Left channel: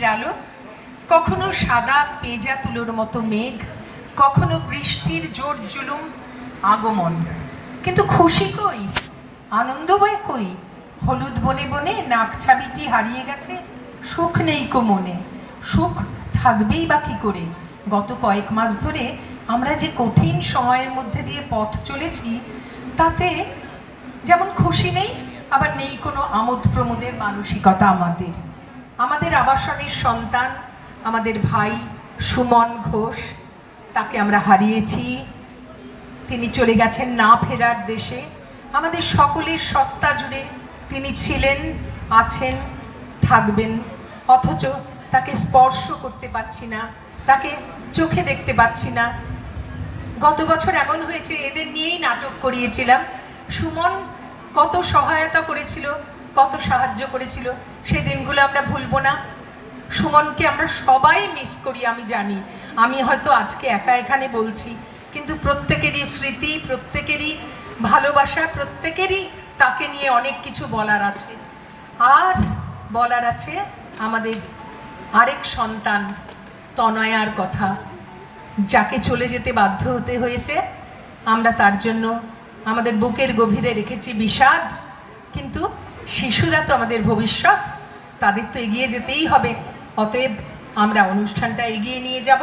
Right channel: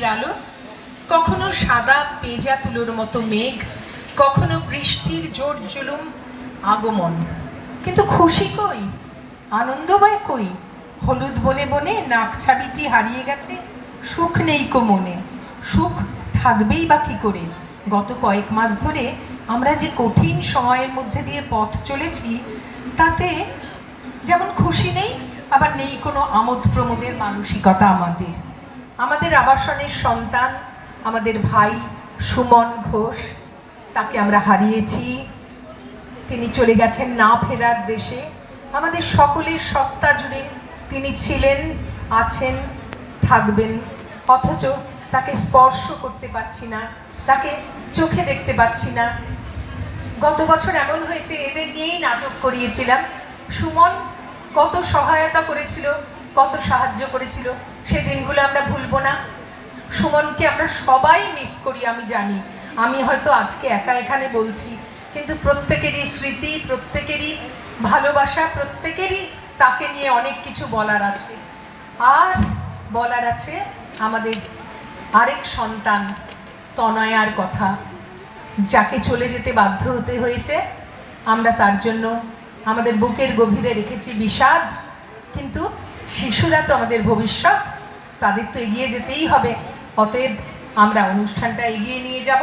আকাশের আলো, কখনো সাদা পেঁজা তুলোর মতো মেঘ, কখনো বৃষ্টির জোর জুলুম আগমন। কিন্তু খুশি কই, আনন্দময় কই? হলুদ বনে বনে নাক ছাবিটি হারিয়ে গেছে, সুখ নেই কো মনে। সুখ থাকবেই বা কী করে? গত কয়েক মাস ধরে আমরা যে কঠিন সময়ের মধ্যে দিয়ে পথ চলেছি, তাতে যেমন খুশি নেই, আবার নেই কোনো আমোদ প্রমোদের মানসিকতা। আমাদের আবাসনের সন্তান, আমাদের ভাই সুমন ঘোষ, তাকে আমরা হারিয়েছি। তিনি চলে গেছেন না ফেরার দেশে। আমাদের সকলের সত্তা জুড়ে তিনি ছিলেন, আছেন, থাকবেন, অথচ তাকে স্পর্শ করতে পারছি না, তাকে চোখে দেখতে পাচ্ছি না। গত বছর এমন হয়েছে, এদের নিয়েই নাটক করিয়েছিলাম। সুমন কত সহায়তা করেছিল, কত সাহায্য করেছিল, সেই দিনগুলো আমরা ভুলবো না। সুমনকে আমরা সবাই মিস করি, আমি জানি। আমি হয়তো আজকে একা এখানে বলছি, কিন্তু প্রত্যেকেরই স্মৃতি, প্রত্যেকেরই ভালোবাসা, প্রত্যেকেরই তাকে নিয়ে অনেক কিছু বলার আছে। আর বলার আছে আমাদের আরেক সন্তান তনয়ার কথা, যাকে চলে যেতে বাধ্য হতে হয়েছে। আমরা তার জন্য আমাদের বুকের গভীরে রেখেছি বিষাদ, কিন্তু শিশুরা তো আমাদের ভবিষ্যৎ, তাদের তো এগিয়ে যেতেই হবে। অতএব আমরা অনুষ্ঠানটা এগিয়ে নিয়ে যাব।